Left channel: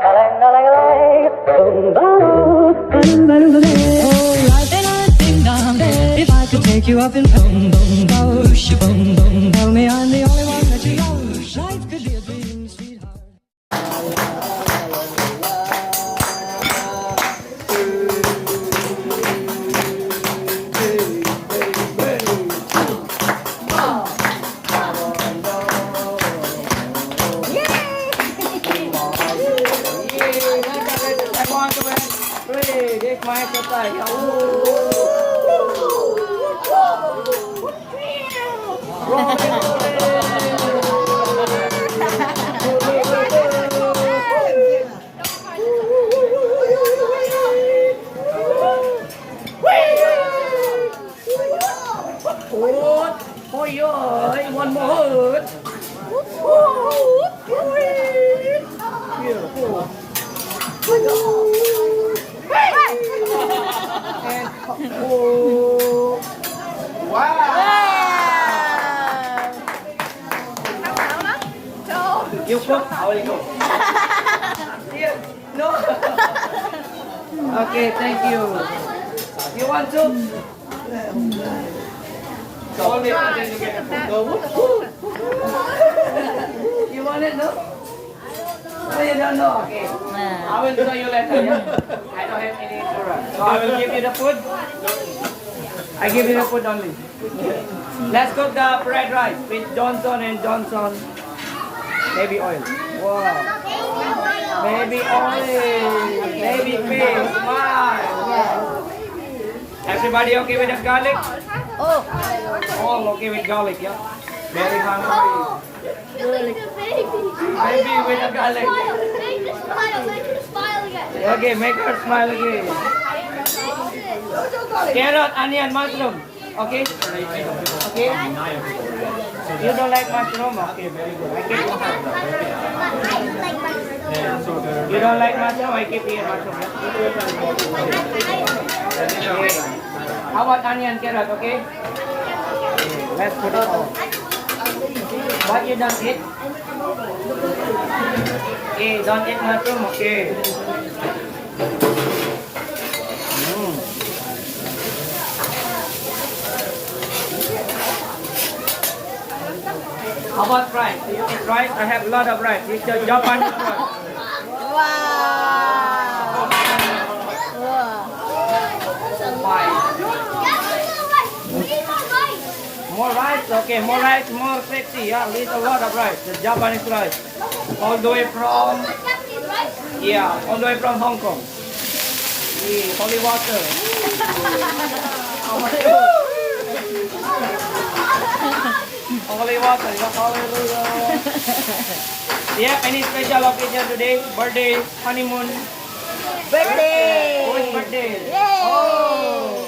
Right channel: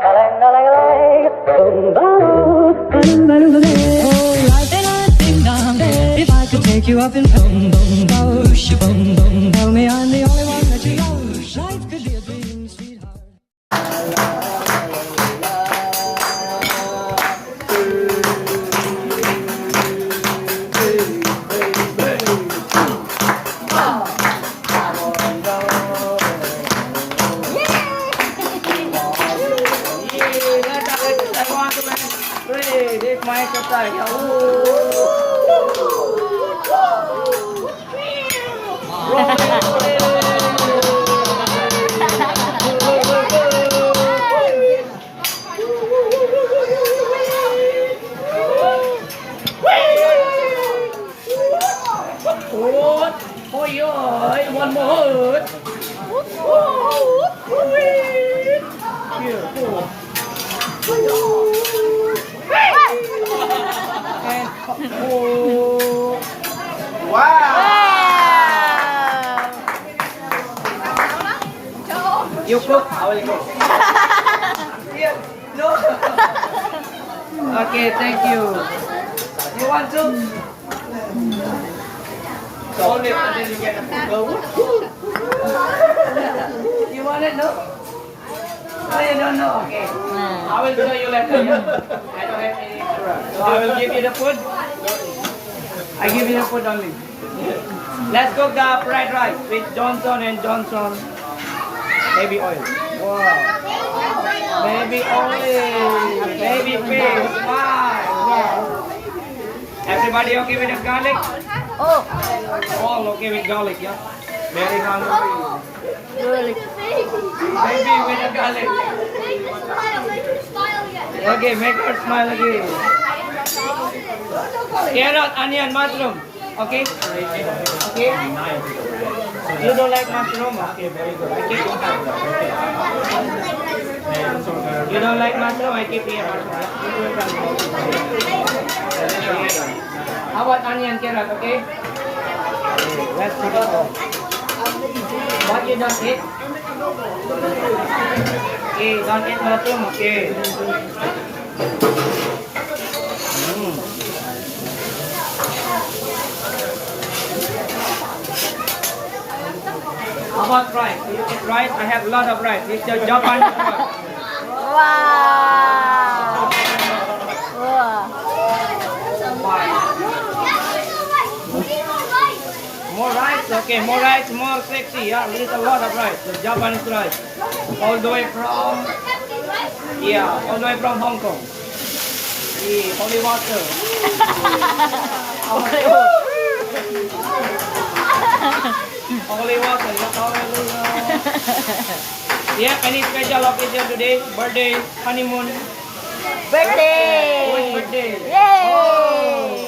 If I could take you up in boom, boom, boom, boom, boom, tell me I'm the only one that you know. Life could be a dream, sweetheart. This my exercise. One more. Beautiful. And oh, wow! You cook, I will go. Yeah, no. Okay, thank you. You want to? So only until you get a food. You want it, no? Oh, you don't know? Okay. I will show you later. Yeah? I don't have any food. So I will give you the food. I give you the food only. Let's cook the fried rice with Johnson and Johnson baby oil. Wow. Baby oil. Baby fish. Wow. Yes. Everybody okay with the garlic? Oh, All okay with garlic, yeah? Very hungry. really? Baby with the garlic. Okay, make her smile again. Carrot, onion, mushroom. Okay? Okay? You don't like mushroom? Okay, very good. I keep it. You don't like mushroom? I keep it mushroom. How about onion, carrot, okay? Let's put it all. What you don't eat? Okay, don't eat mushroom, okay? How about rice? You eat rice? I have a lot of rice. It's the Japanese rice. Wow. Wow. Why? More rice? Okay, more rice, more sexy. Yeah, eat a lot of rice. The Japanese rice. All the way from... Yeah, all the way from Hong Kong. The holy water. Holy water, yeah, hallelujah. Yeah, any special occasion today? Birthday, honeymoon? Birthday. Who's birthday? Yay. Oh,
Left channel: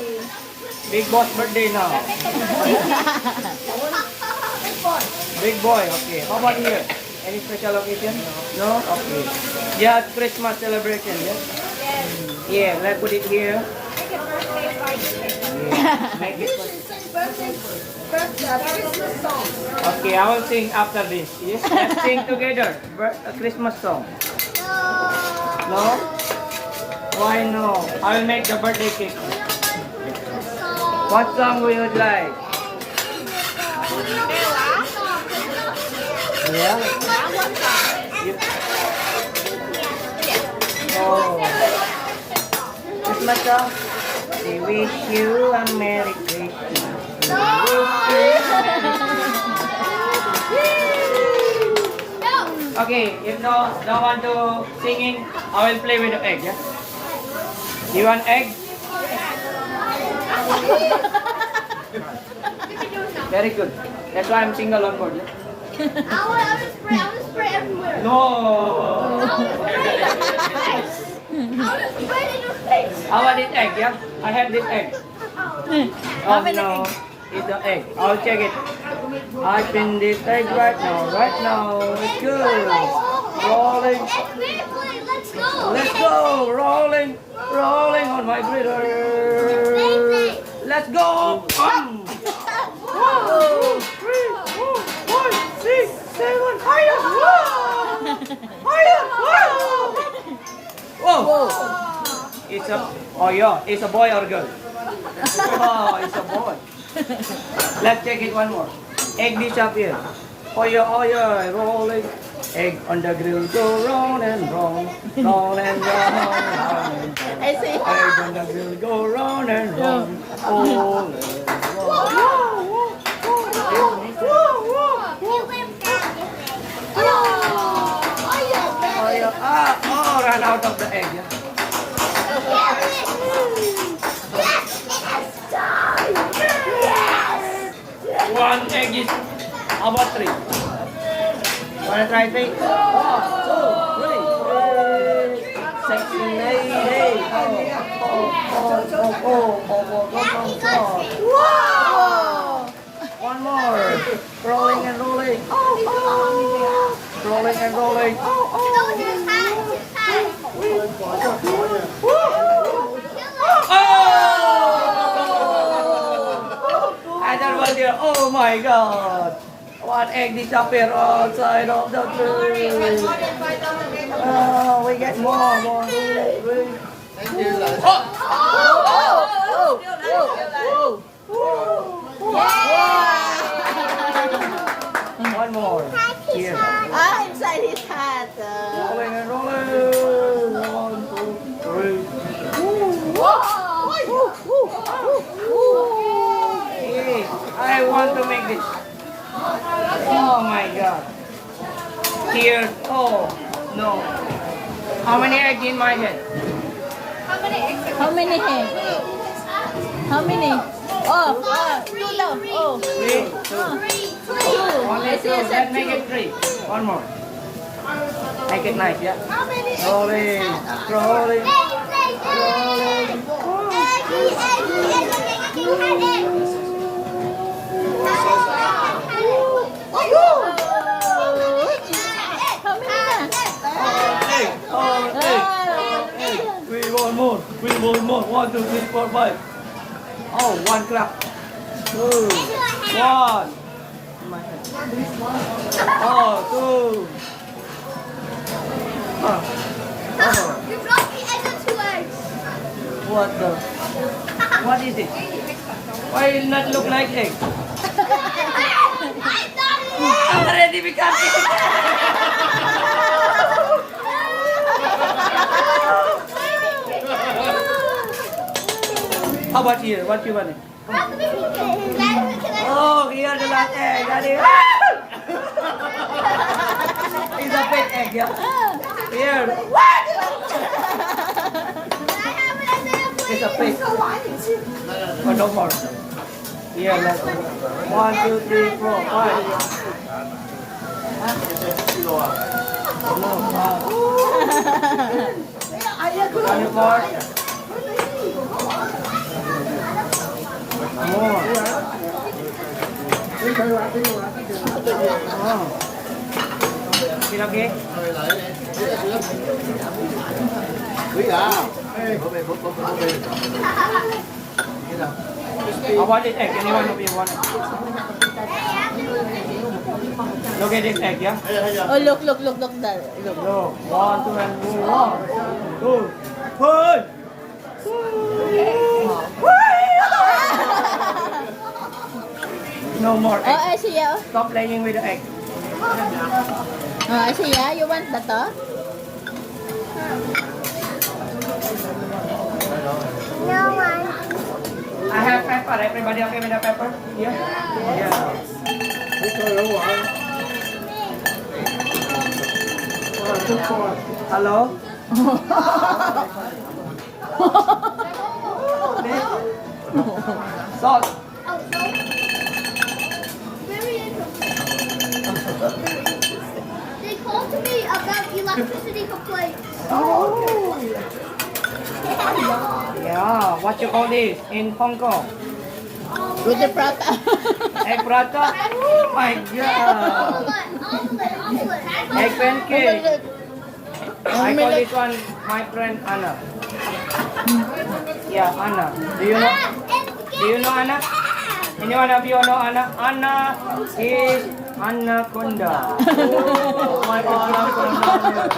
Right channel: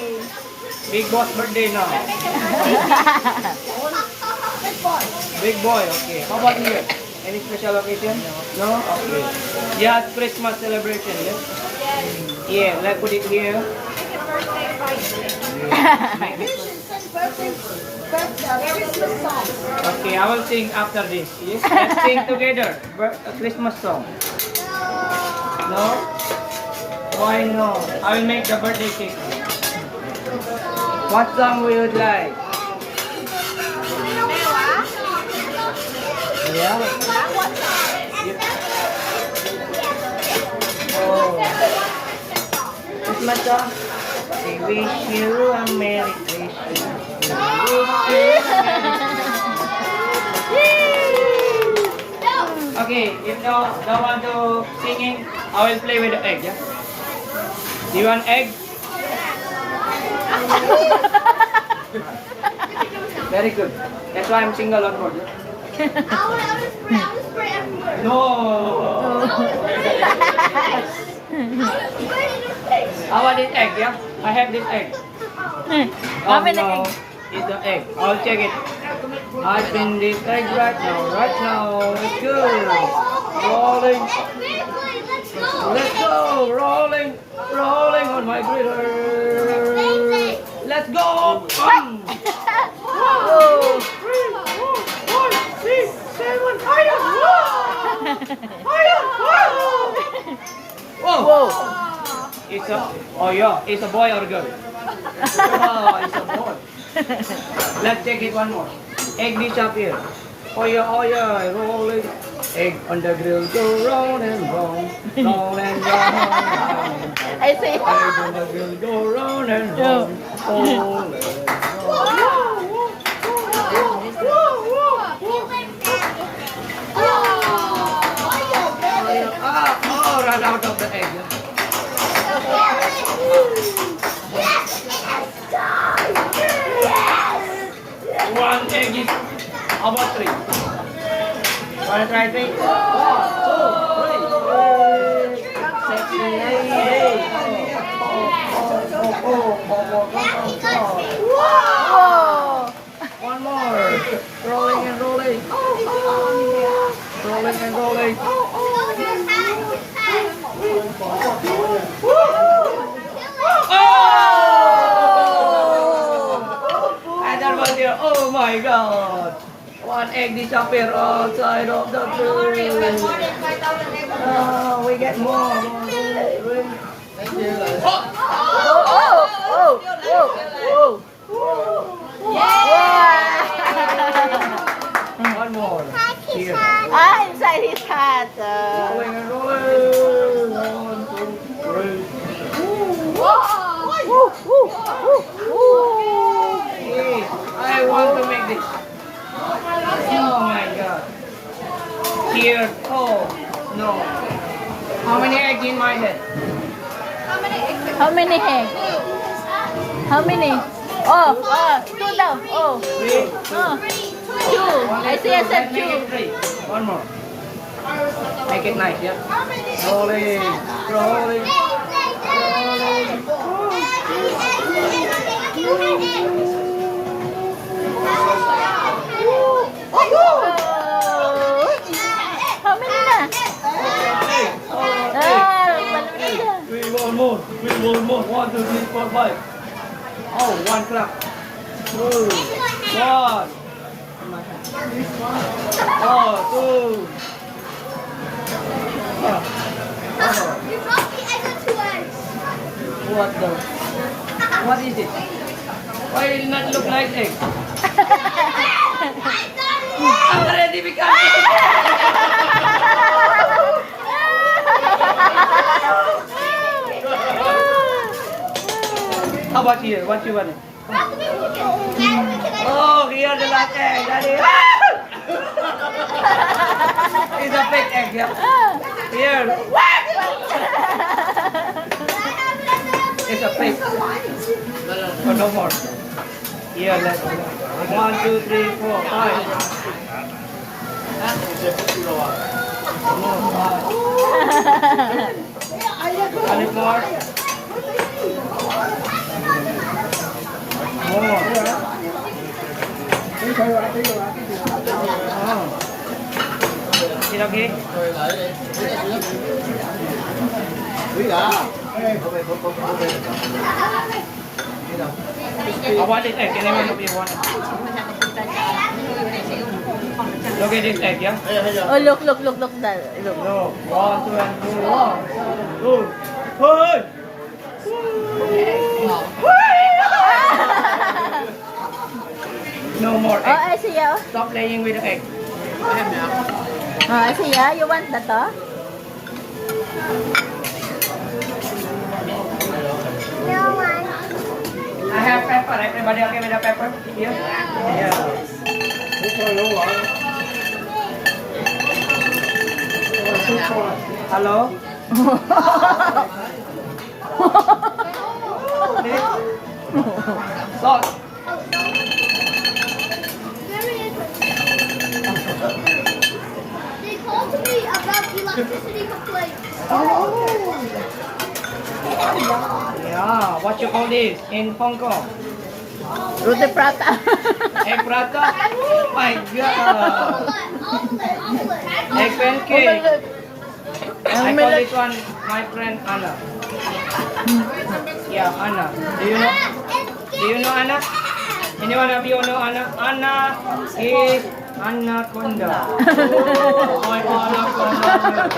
big boss birthday now. Big boy, okay. How about here? Any special occasion? No? Okay. Yeah, Christmas celebration, yeah? Yeah, let's put it here. Okay, I will sing after this. Yes, let's sing together. A Christmas song. No? Why no? I will make the birthday cake. What song would you like? Yeah. Oh. Christmas song. We wish you a Merry Christmas. Okay, if no want to singing, I will play with the egg, yeah? Do you want egg? Very good. That's why I'm single on board. Yeah? No. How about this egg, yeah? I have this egg. Oh no, it's the egg. I'll check it. I spin this egg right now. It's good. Rolling. Let's go. Rolling on my glitter. Let's go. 1, 2, 3, 4, 5, 6, 7. Higher. Higher. It's a, oh yeah, it's a boy or girl? Oh, it's a boy. Let's check it one more. Egg dish up here. Oh yeah, rolling. Egg on the grill, go round and round, round and round. I see. Egg on the grill, go round and round, roll and roll. Ran out of the egg. One egg is about 3. Wanna try 3? 1, 2, 3. Sexy lady. Whoa. One more. Rolling and rolling. Rolling and rolling. And that was here. Oh my God. One egg disappear outside of the food. Oh, we get more. Really. One more. Here. Inside his hat. Rolling and rolling. 1, 2, 3. I want to make this. Oh my God. Here. Oh no. How many eggs in my head? How many eggs? How many? Oh, 2 daw. Oh. 2. I see I said 2. 3. One more. Make it nice, yeah. Rolling. How many na? We want more. 1, 2, 3, 4, 5. Oh, 1 clap. 2, 1. Oh, 2. You dropped the egg into us. What is it? Why it not look like egg? Already become egg. How about here? What you want? Oh, here the last egg. Daddy. It's a fake egg, yeah. Here. What? It's a fake. Oh, no more. Here, let's 1, 2, 3, 4, 5. More. 1 more. More. Oh. Is it okay? I want this egg. Anyone of you want it? Look at this egg, yeah? Oh, look. Look. No. 1, 2, and 1, 2, 3. No more Oh, egg. I see ya. Stop playing with the egg. Oh, I see ya. You want that, oh? I have pepper. Everybody okay with the pepper? Yeah? Yeah. Hello? Salt. Very interesting. They talked to me about electricity complaints. Yeah. What you call this in Hong Kong? Roti prata. Egg prata? Oh my God. Egg pancake. I call this one my friend Anna. Yeah, Anna. Do you know Anna? Anyone of you know Anna? Anna is Anaconda. Oh, my anaconda.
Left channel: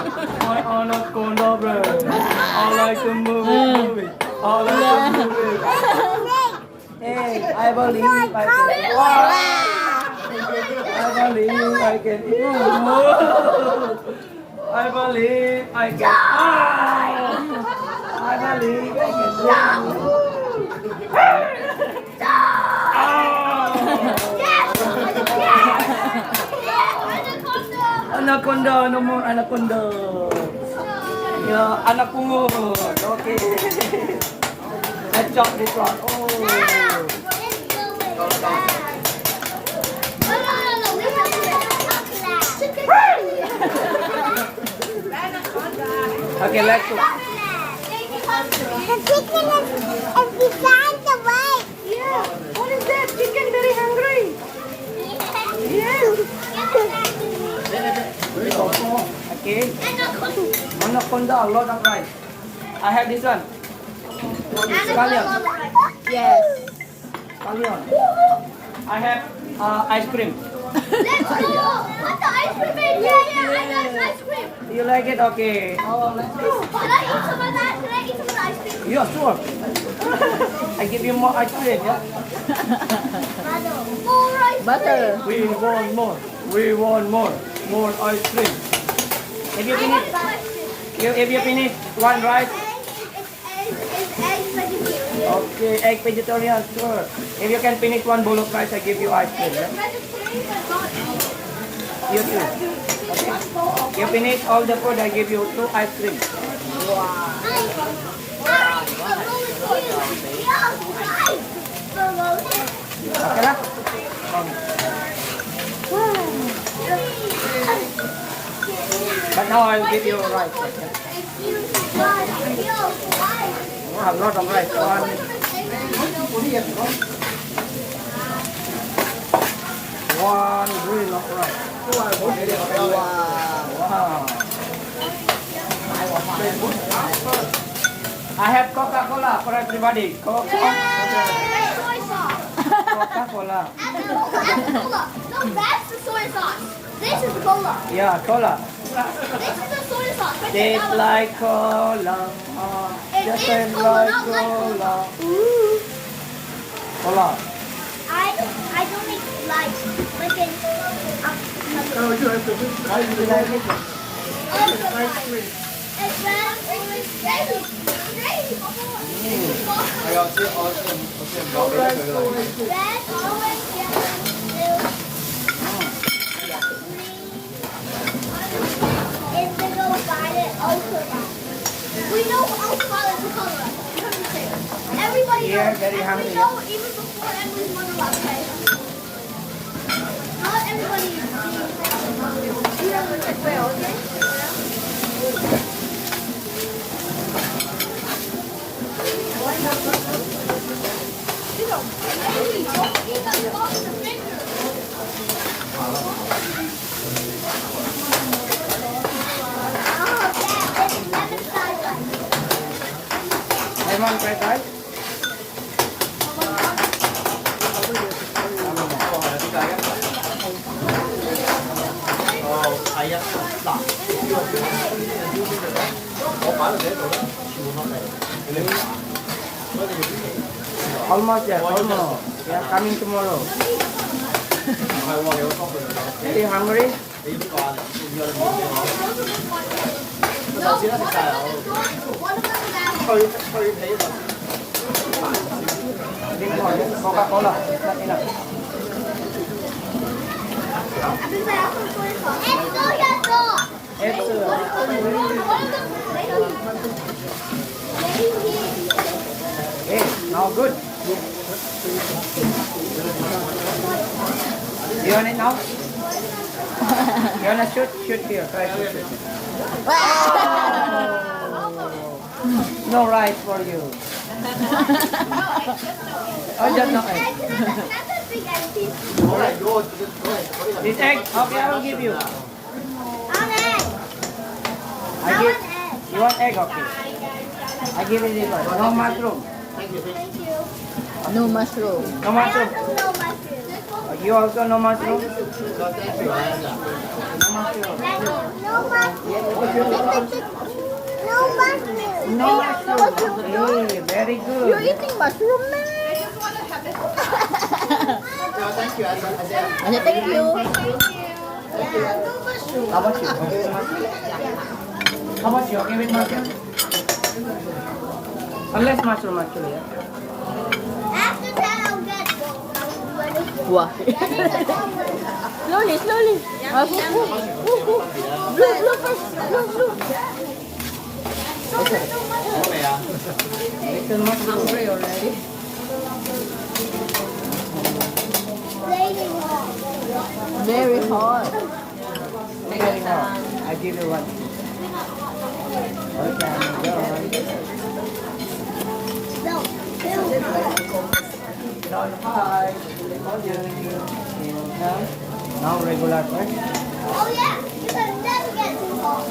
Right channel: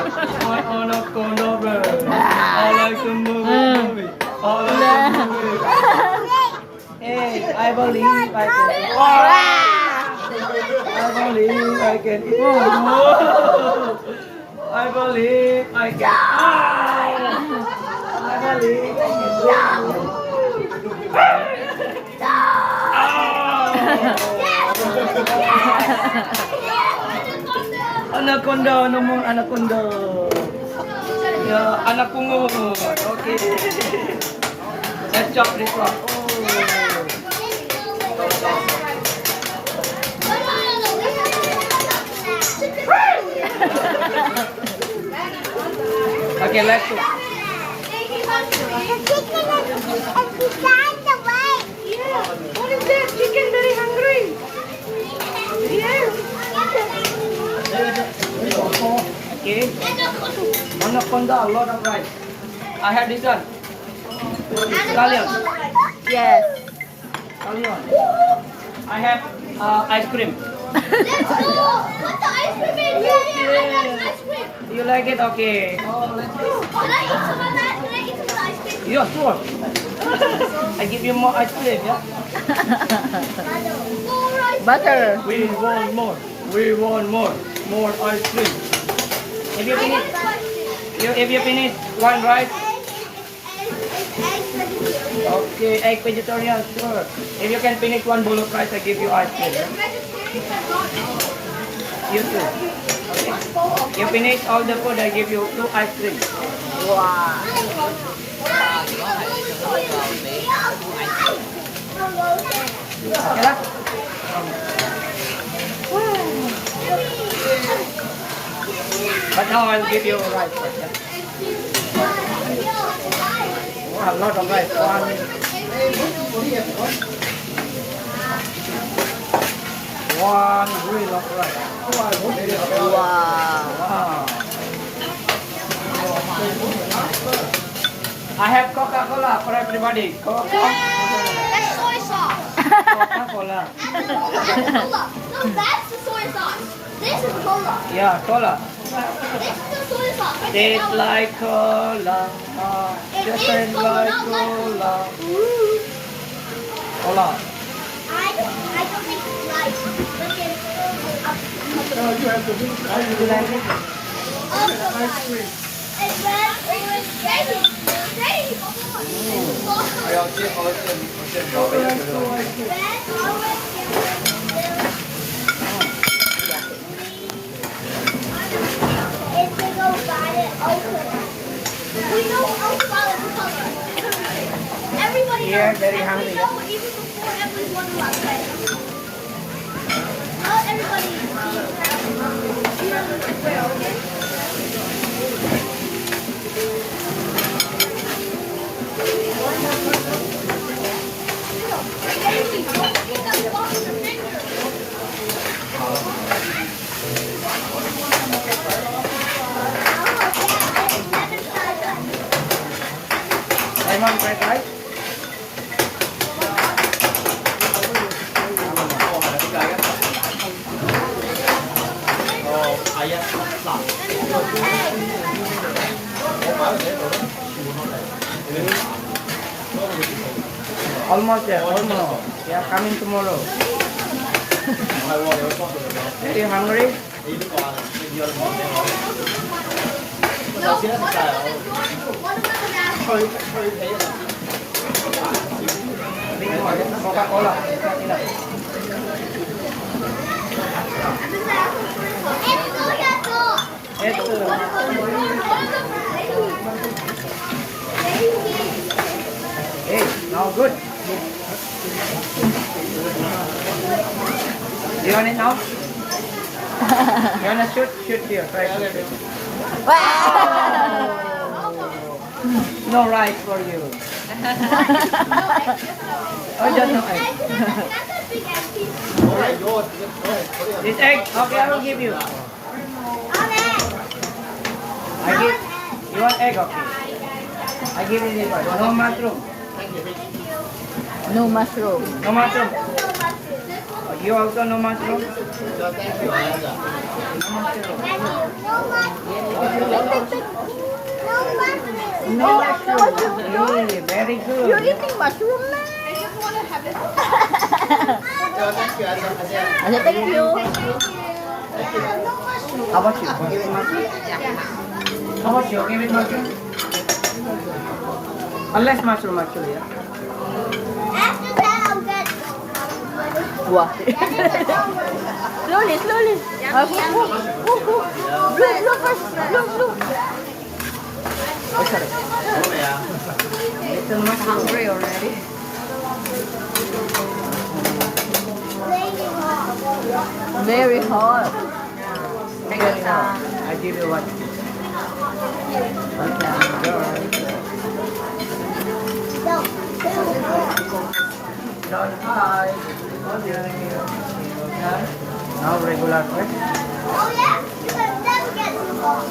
My anaconda bird. move it. All of them move it. Hey, I believe I can. I believe I can. I believe I can. I believe I can. Anaconda, no more anaconda. Yeah, anapungot. Okay. Let's chop this one. Oh. Okay, let's go. What is that? Chicken very hungry. Yes. Okay. Anaconda, a lot of rice. I have this one. Scallion. Yes. Scallion. I have ice cream. Let's go. What's the ice cream in? Yeah, I like ice cream. You like it? Okay. Oh, let's go. Can I eat some of that? Can I eat some of the ice cream? Yeah, sure. I give you more ice cream, yeah? More ice Butter. We want more. We want more. More ice cream. If you finish, if you finish one rice, okay, egg vegetarian, sure. If you can finish one bowl of rice, I give you ice cream, yeah? You too. Okay. You finish all the food, I give you 2 ice cream. Wow. Okay lah? But now I'll give you rice first, yeah? Oh, a lot of rice. One wheel of rice. Wow. Wow. I have Coca-Cola for everybody. Coca-Cola. No, that's the soy sauce. This is cola. Yeah, cola. This is the soy sauce. Tastes like cola. Just tastes like cola. Cola. I don't think it's like freaking You like it? It's red, orange, crazy. Crazy. Red, orange, indigo, violet, ultraviolet. We know ultraviolet is color. Everybody Yeah, knows. very And hungry, we know even before Emily won the last fight. Not everybody. You don't know, okay? Lemon fried rice? Almost there, almost. They are coming tomorrow. Are you hungry? Drink more, yeah? Coca-Cola. It's not enough. It's hey, now good. You want it now? You wanna shoot? Shoot here. Try to shoot. No rice for you. Oh, just no egg. This egg? Okay, I will give you. I give. You want egg? Okay. I give you this one. No mushroom. No mushroom. No mushroom. You also no mushroom? No mushroom. No mushroom. mushroom too? Hey, very You're good. eating mushroom, man. I just want to have it. Asa, thank you. How about you? Okay with mushroom? How about you? Okay with mushroom? Unless mushroom actually, yeah. After that, I'll get. Wah. Slowly, slowly. Blue first. Blue. Oh, sorry. Little mushroom. Hungry already. Very hot. Very hot. I give you one. Okay, go on. Down high. Now regular first. Oh yeah, you can never get too hot.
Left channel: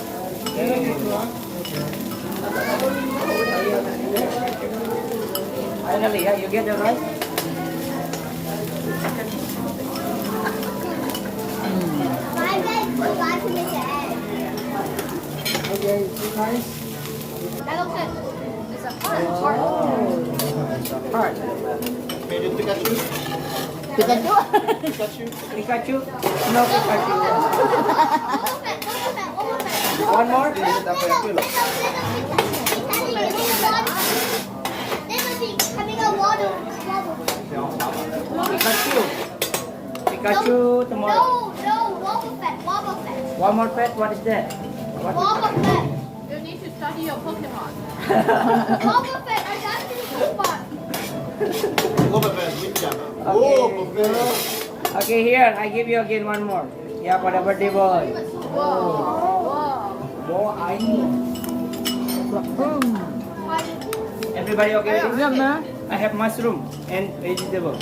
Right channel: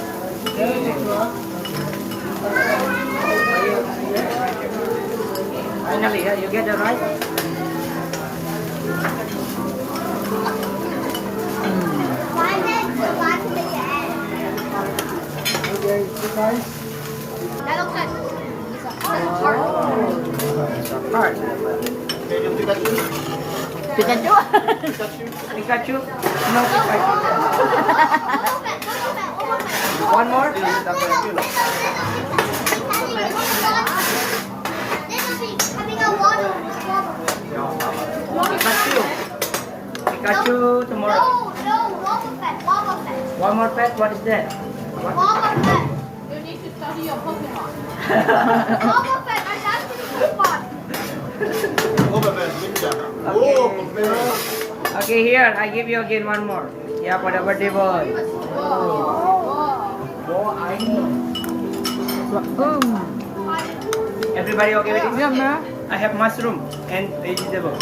Finally, yeah, you get it right. My dad would like to make the egg. Okay, two times. That looks like It's a heart. Pikachu. Pikachu? No Pikachu. One more? Pikachu. Pikachu tomorrow. No, Wobble Fett. One more pet? What is that? What? Wobble Fett. You need to study your Pokemon. Wobble Fett, I actually Pokemon. Okay, here, I give you again one more. Yeah, for the birthday boy. Oh, I know. Everybody okay with it? Yeah, man. I have mushroom and vegetable.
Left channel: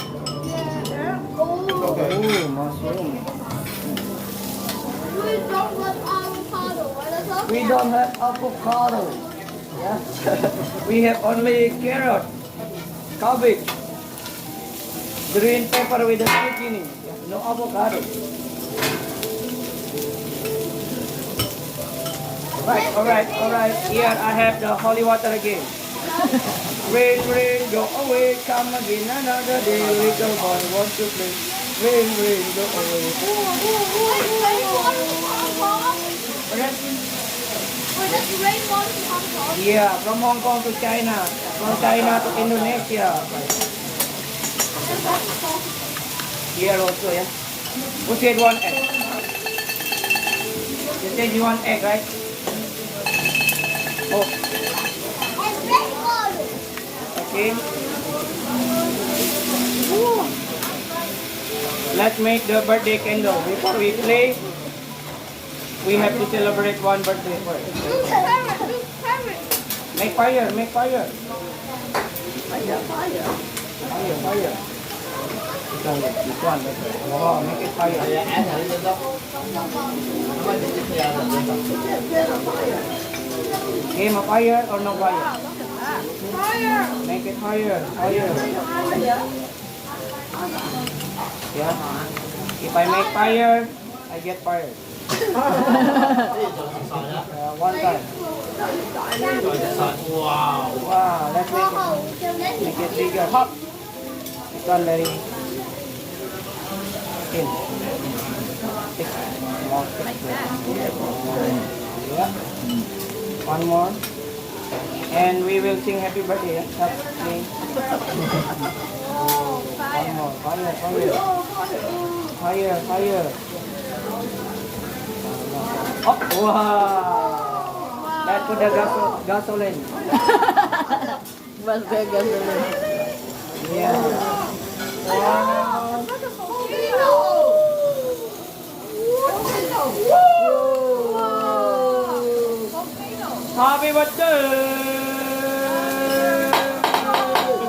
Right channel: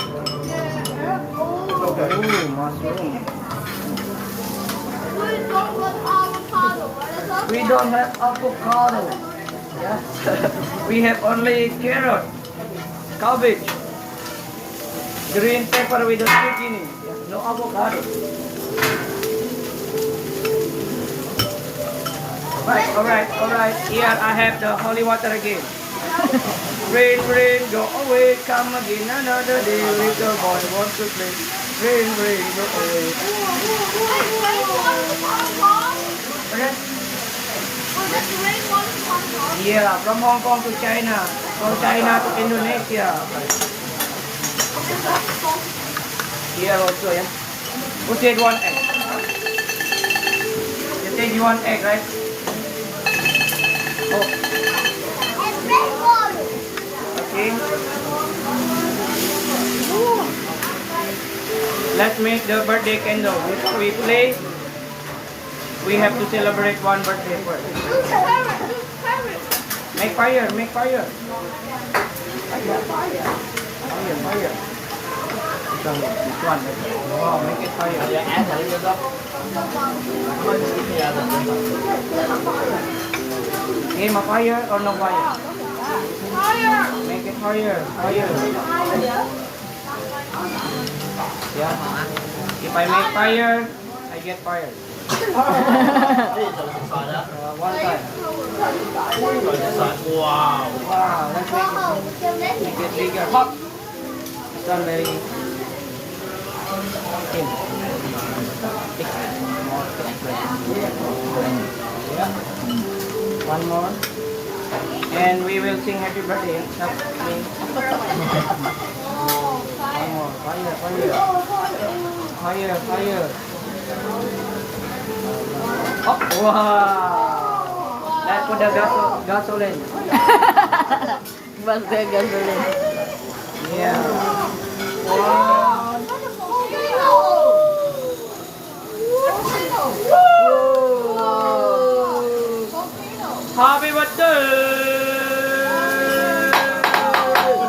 Oh, mushroom. We don't have avocado. Yeah. We have only carrot, cabbage, green pepper with a zucchini. Yeah, no avocado. Alright. Here I have the holy water again. Rain, go away, come again another day. Little boy wants to play. Rain, go away. Alright? Yeah, from Hong Kong to China. From China to Indonesia. Here also, yeah. Who said one egg? You said you want egg, right? Oh, okay. Let's make the birthday candle. Before we play, we have to celebrate one birthday first. Make fire. Fire. This one. Wow, make it fire. Name a fire or no fire? Make it fire. Yeah. If I make fire, I get fired. One time. Wow, let's make it bigger. Hot. This one very yeah. One more. And we will sing happy birthday. One more. Fire. Oh, wow. Let's put the gasoline. Bus the gasoline. Yeah. One. Happy birthday!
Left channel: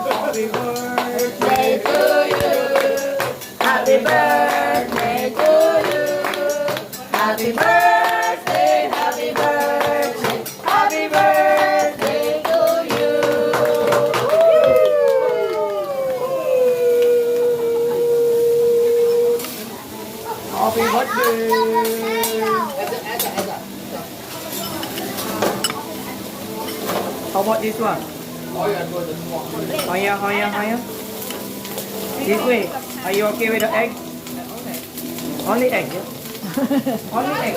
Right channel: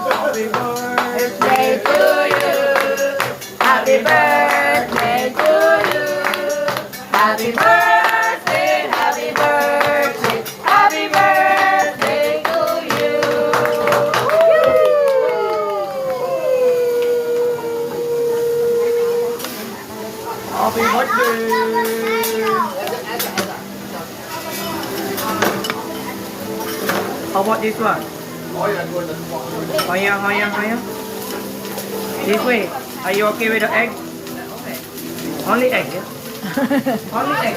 Happy birthday to you! Happy birthday to you! Happy birthday! Happy birthday! Happy birthday to you! Happy birthday! How about this one? Higher. This way. Are you okay with the egg? Only egg, yeah? Only egg.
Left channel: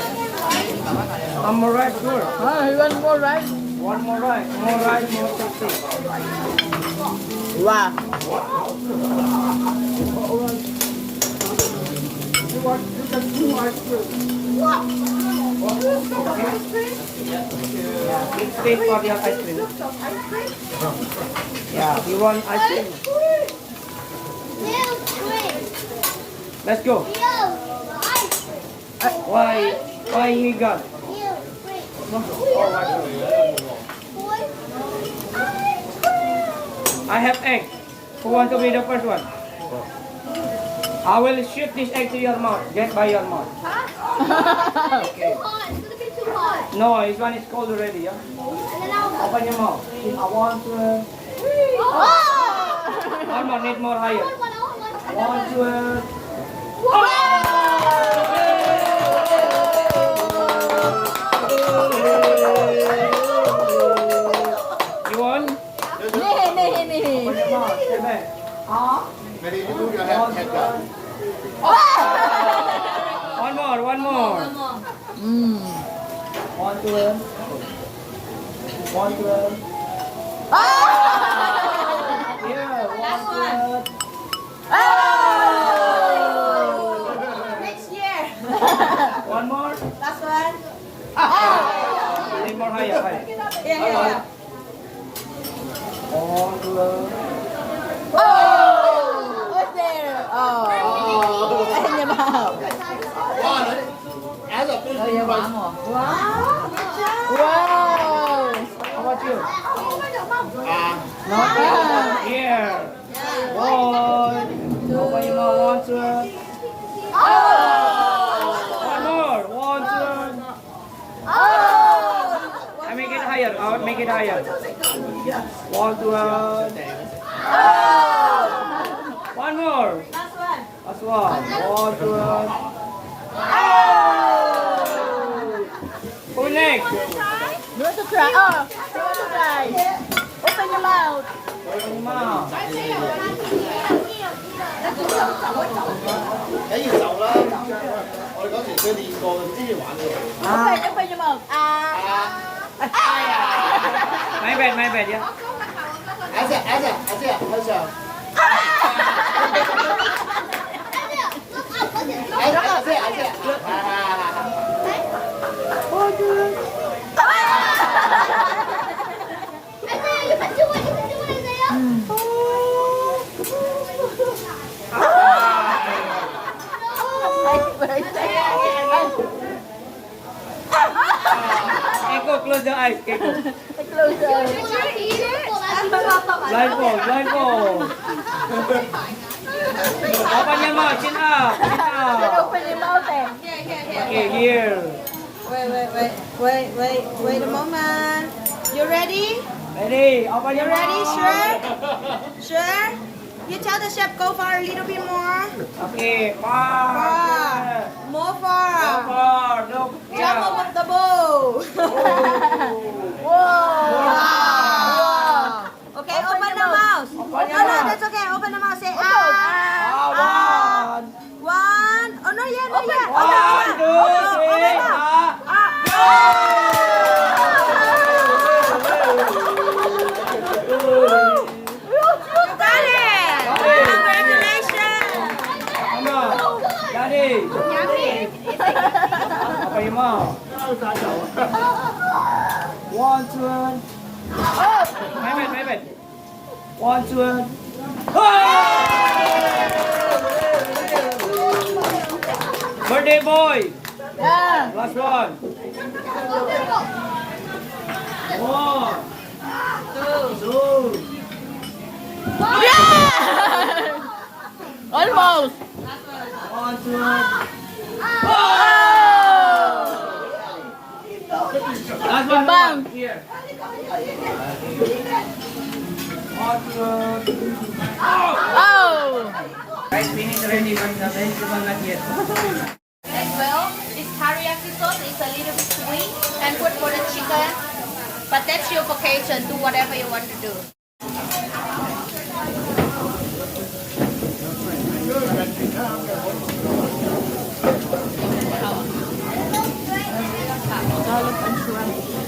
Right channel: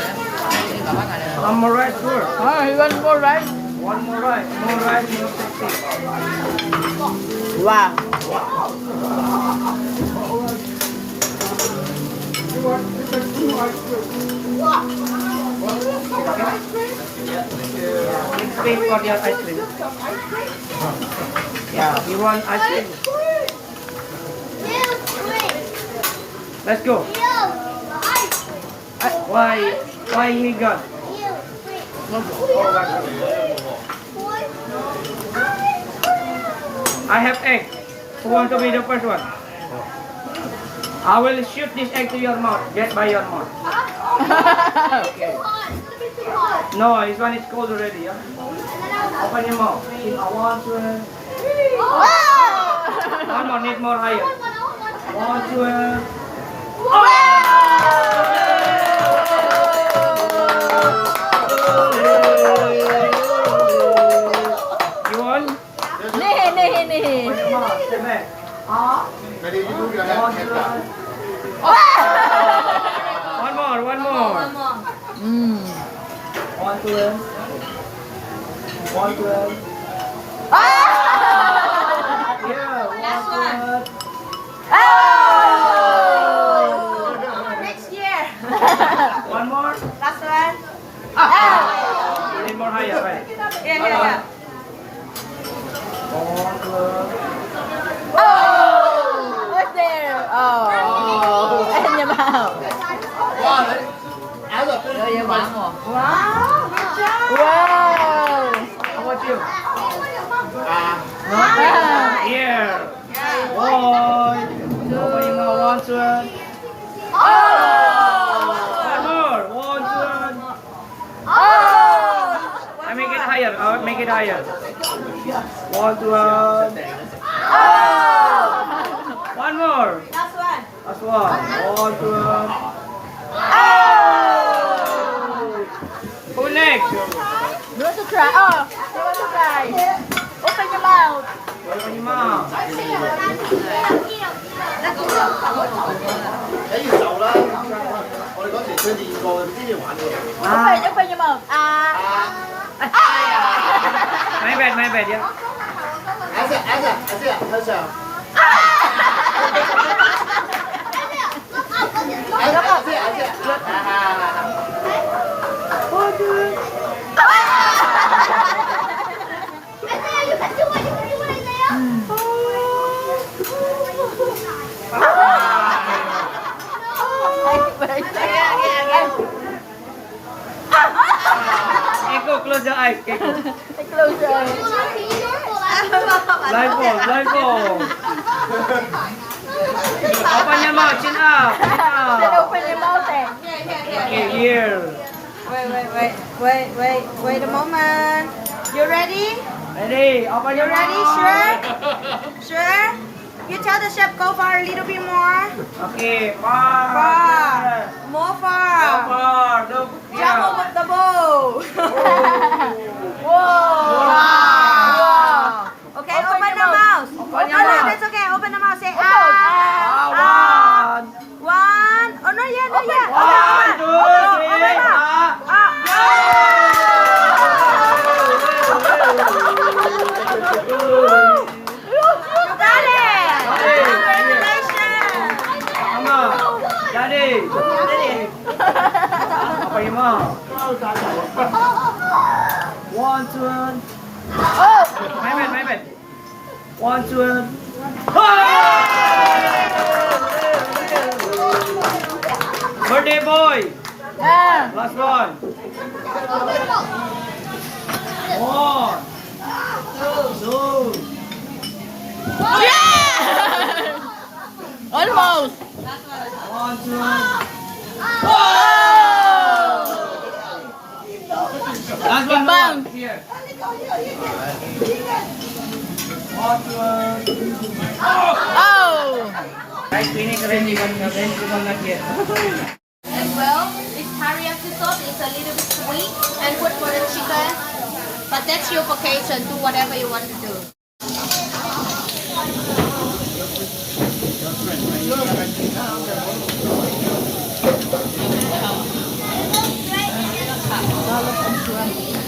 One more rice, sure. You want more rice? One more rice. More rice, more sexy. Wow. Let's wait for your ice cream. Yeah, you want ice cream? Let's go. Why he got? I have egg. Who want to be the first one? I will shoot this egg to your mouth. Just by your mouth. Okay. No, this one is cold already. Yeah? Open your mouth. I want to. One more, need more higher. One, two. You want? Nih. Open your mouth. Step back. One more. One, two. One, two. Yeah, one, two. Next year. One more. Last one. Need more higher. Yeah. One, two. What's there? In your mouth. Wow, good job. Wow. How about you? No? Ah. Here. One. Open your mouth. One, two. One more. One, two. I make it higher. I'll make it higher. One, two. One more. Last one. Last one. One, two. Who next? You want to try? You want to try? Open your mouth. Open your mouth. 你要走啦！我哋嗰時佢練過，唔知要玩嘅。Open your mouth. My bad, yeah. 阿姐，向上。阿姐。Echo, close your eyes. Echo. Close your eyes. Blindfold. Open your mouth, chin up. Then open your mouth. Okay, here. Wait a moment. You ready? Ready? Open your You ready? mouth. Sure? You tell the chef go far a little bit more. Okay, far. More far. Far. Look. Jump Yeah. over the bowl. Wow. Okay, Open open your the mouth. mouth. Open your mouth. That's okay. Open the mouth. Say One. One. One. Oh, not yet. Open. Not yet. One, two, three. You got it. Congratulations. Come on. Daddy. Open your mouth. One, two. My bad. One, two. Birthday boy. Yeah. Last one. One. Two. Yeah. Almost. One, two. Timbang. Here. One, two. Oh. Right, finish already. One not yet. As well, this teriyaki sauce is a little bit sweet and good for the chicken. But that's your vacation. Do whatever you want to do. Scallop and shrimp.